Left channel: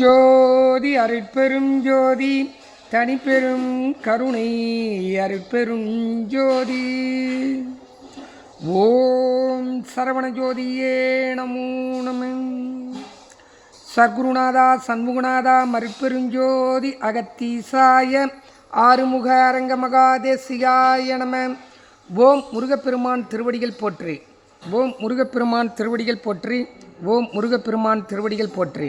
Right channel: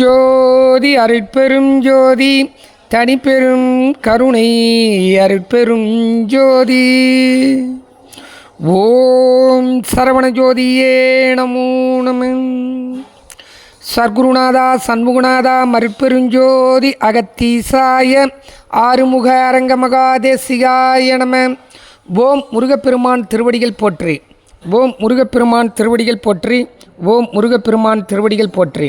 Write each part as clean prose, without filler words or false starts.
ஜோதி அருட்பெரும் ஜோதி தனிப்பெரும் கருணை அருட்பெரும் ஜோதி. ஓம் சரவண ஜோதியே நமோ நம. சர்க்குருநாதா சண்முகநாதா மருட்பெருஞ்சோதி அகத்தீசாய ஆறுமுக அரங்க மகாதேசிகாய நம. ஓம் முருகப்பெருமான் திருவடிகள் போற்றி. ஓம் முருகப்பெருமான் திருவடிகள் போற்றி. ஓம் முருகப்பெருமான் திருவடிகள் போற்றி.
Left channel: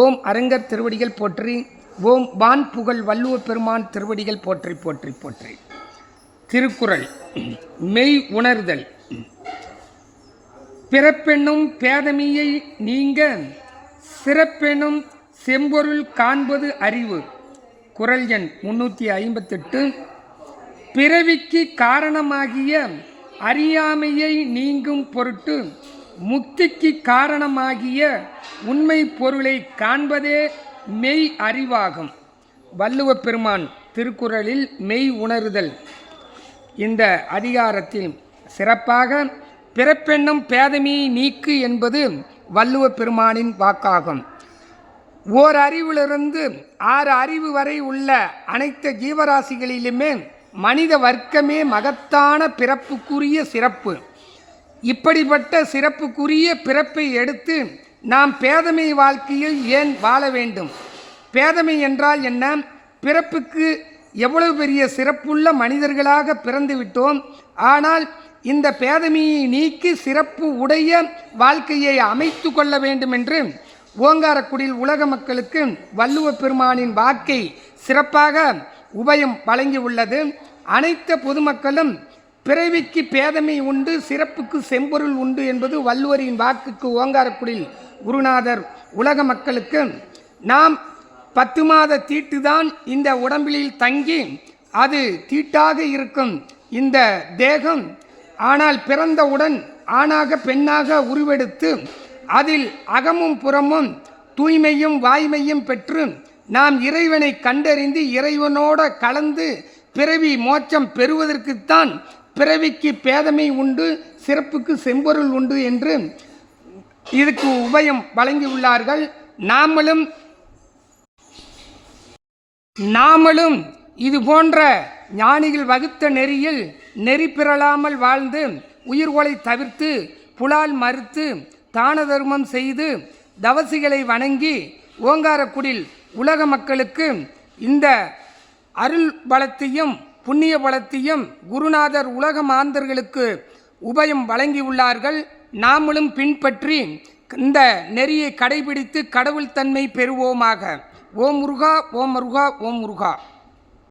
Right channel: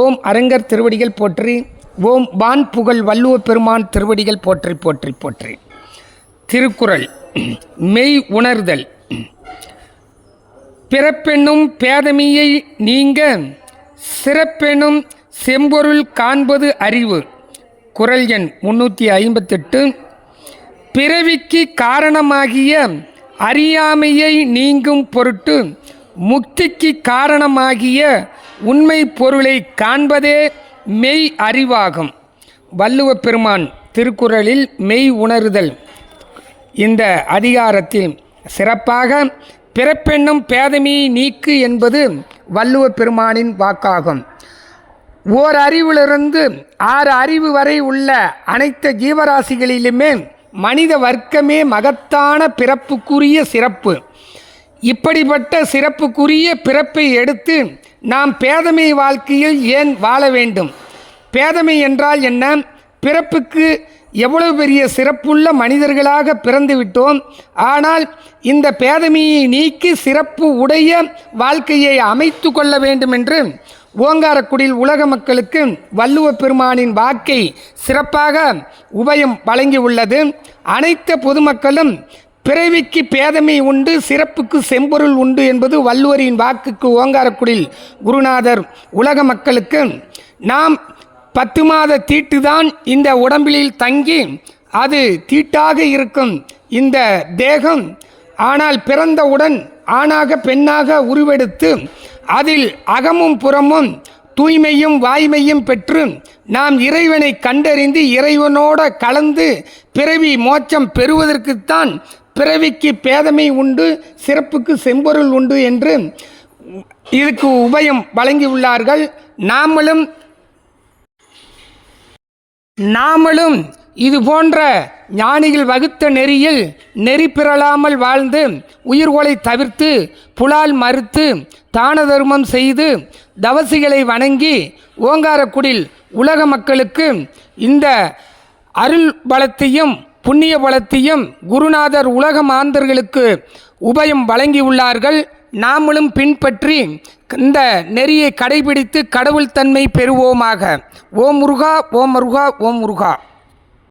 ஓம் அரங்கர் திருவடிகள் போற்றி. ஓம் வான் புகழ் வள்ளுவ பெருமான் திருவடிகள் போற்றி போற்றி போற்றி. திருக்குறள். மெய் உணர்தல். பிறப்பென்னும் பேதமையை நீங்க சிறப்பெனும் செம்பொருள் காண்பது அறிவு. குறள் எண் 358. பிறவிக்கு காரணமாகிய அறியாமையை நீங்கும் பொருட்டு முக்திக்கு காரணமாகிய உண்மை பொருளை காண்பதே மெய் அறிவாகும். வள்ளுவ பெருமான் திருக்குறளில் மெய் உணர்தல் இந்த அதிகாரத்தில் சிறப்பாக பிறப்பென்னும் பேதமையை நீக்கு என்பது வள்ளுவ பெருமானின் வாக்காகும். ஓர் அறிவிலிருந்து 6 அறிவு வரை உள்ள அனைத்து ஜீவராசிகளிலுமே மனித வர்க்கமே மகத்தான பிறப்புக்குரிய சிறப்பு. இப்படிப்பட்ட சிறப்புக்குரிய பிறப்பை எடுத்து நாம் பேதமை வாழ்க்கையில் ஏன் வாழ வேண்டும்? பேதமை என்றால் என்ன? பிறப்புக்கு எவ்வளவு பெரிய சிறப்புள்ள மனிதர்களாக பிறந்து விட்டோம். ஆனால் இந்த பேதமையை நீக்கி சிறப்பு உடைய வாழ்க்கையை அமைத்து கொள்ள வேண்டும் என்று ஓங்காரக்குடியில் உலக மக்களுக்கு வள்ளுவ பெருமானின் வாக்கை சிறப்பாக உபயம் வழங்கி உள்ளது. அனைத்து பொதுமக்களும் பிறவிக்கு பேதமை உண்டு, சிறப்புக்கு செம்பொருள் உண்டு என்பது வள்ளுவரின் வாக்குக்கு ஓங்காரக்குடியில் குருநாதர் உலக மக்களுக்கு நாம் 10 மாத தீட்டுதான் இந்த உடம்பில் தங்கி அது தீட்டாக இருக்கும் இந்த தேகம். ஆனால் பிறந்தவுடன் ஆணாக பெண்ணாக உருவெடுத்து அதில் அகமும் புறமும் தூய்மையும் வாய்மையும் பெற்று நாம் இறைவனை கண்டறிந்து இறைவனோட கலந்து பிறவி மோட்சம் பெறுவதற்குத்தான் பிறவிக்கு பேதமை உண்டு, சிறப்புக்கு செம்பொருள் உண்டு என்று இதுக்கு உபயம் வழங்கியுள்ளார்கள். நாமளும் இது போன்ற ஞானிகள் வகுத்த நெறியில் நெறி பிறழாமல் வாழ்ந்து உயிர்கொலை தவிர்த்து புலால் மறுத்து தான தர்மம் செய்து தவசிகளை வணங்கி ஓங்காரக்குடியில் உலக மக்களுக்கு இந்த அருள் பலத்தையும் புண்ணிய பலத்தையும் குருநாதர் உலக மாந்தர்களுக்கு உபயம் வழங்கியுள்ளார்கள். நாமளும் பின்பற்றி இந்த நெறியை கடைபிடித்து கடவுள் தன்மை பெறுவோமாக. ஓம் முருகா, ஓம் முருகா, ஓம் முருகா.